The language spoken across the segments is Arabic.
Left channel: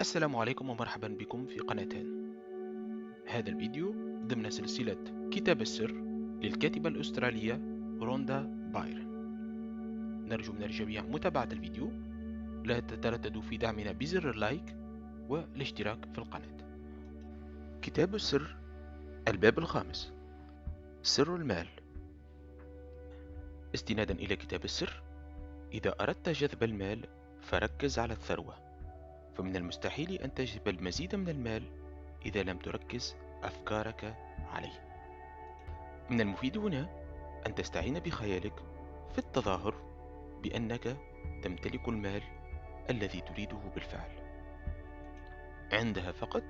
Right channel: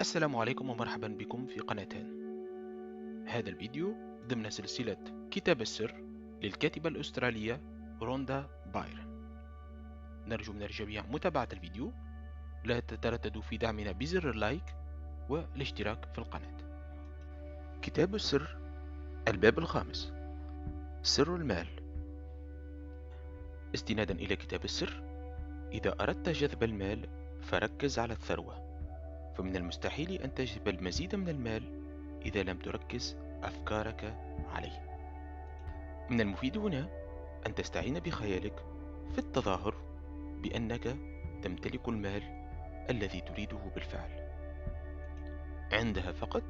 السلام عليكم ومرحبا بكم في قناتين. هذا الفيديو ضمن سلسلة كتاب السر للكاتبة الأسترالية روندا بايرن. نرجو من الجميع متابعة الفيديو، لا تترددوا في دعمنا بزر اللايك والاشتراك في القناة. كتاب السر، الباب الخامس، سر المال. استنادا إلى كتاب السر، إذا أردت جذب المال فركز على الثروة، فمن المستحيل أن تجذب المزيد من المال إذا لم تركز أفكارك عليه. من المفيد هنا أن تستعين بخيالك في التظاهر بأنك تمتلك المال الذي تريده بالفعل. عندها فقط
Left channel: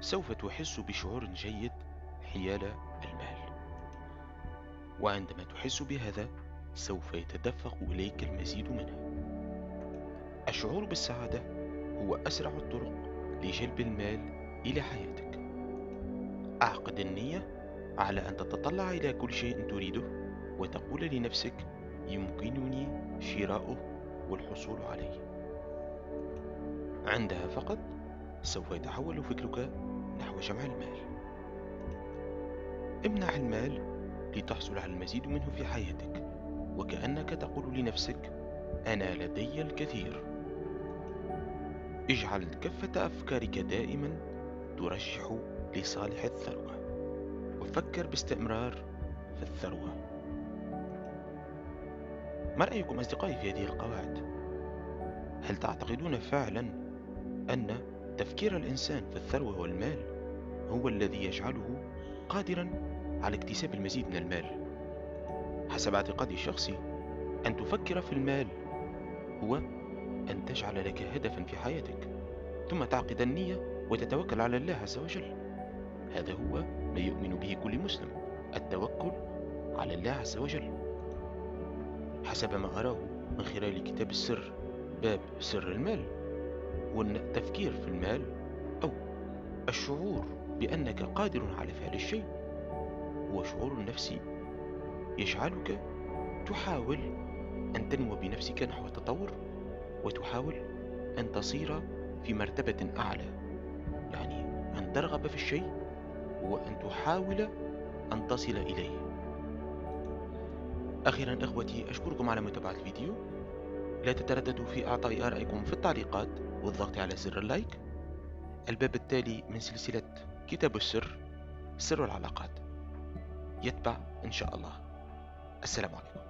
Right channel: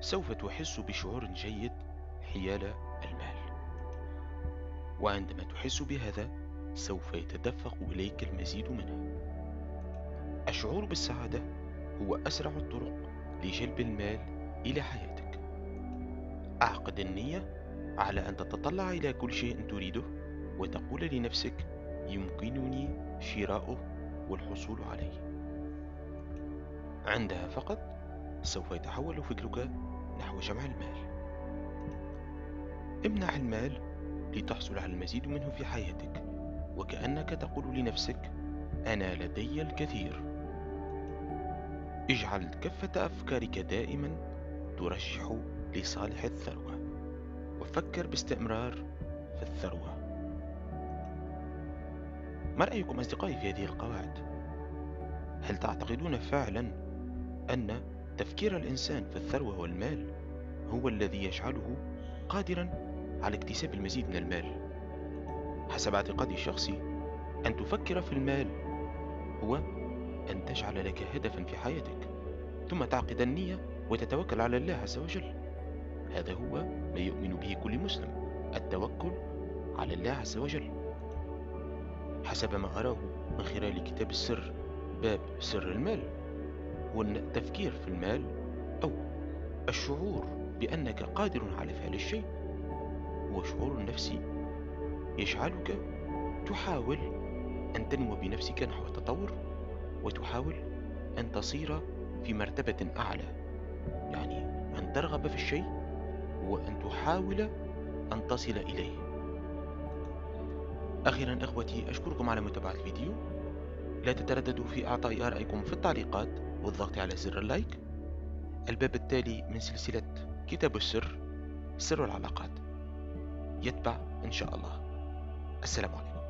سوف تحس بشعور جيد حيال المال، وعندما تحس بهذا سوف يتدفق إليك المزيد منه. الشعور بالسعادة هو أسرع الطرق لجلب المال إلى حياتك. أعقد النية على أن تتطلع إلى كل شيء تريده وتقول لنفسك يمكنني شراؤه والحصول عليه. عندها فقط سوف يتحول فكرك نحو جمع المال. امنع المال لتحصل على المزيد منه في حياتك، وكأنك تقول لنفسك أنا لدي الكثير. اجعل كفة أفكارك دائما ترشح لصالح الثروة، وفكر باستمرار في الثروة. ما رأيكم أصدقائي في هذه القواعد؟ هل تعتقدون فعلا أن تفكير الإنسان في الثروة والمال هو الذي يجعله قادرا على اكتساب المزيد من المال؟ حسب اعتقادي الشخصي، أن تفكر في المال هو أن تجعل لك هدفا في حياتك، ثم تعقد النية وتتوكل على الله عز وجل. هذا هو ما يؤمن به كل مسلم، التوكل على الله عز وجل. حسب ما أراه من خلال كتاب السر باب سر المال، هو التفكير في المال أو الشعور بأنك قادر على فعل الشيء هو شعور نفسي يجعلك تحاول أن تنمو بنفسك نحو التطور، وتحاول أن تصير في مرتبة أعلى. يعني أن ترغب في الشيء وأن تحاول أن تصل إليه. أخيرا إخوتي، أشكركم على متابعة الفيديو. لا تترددوا في إعطاء آرائكم في التعليقات والضغط على زر اللايك. الباب التالي من سلسلة كتاب السر، سر العلاقات، يتبع إن شاء الله. السلام عليكم.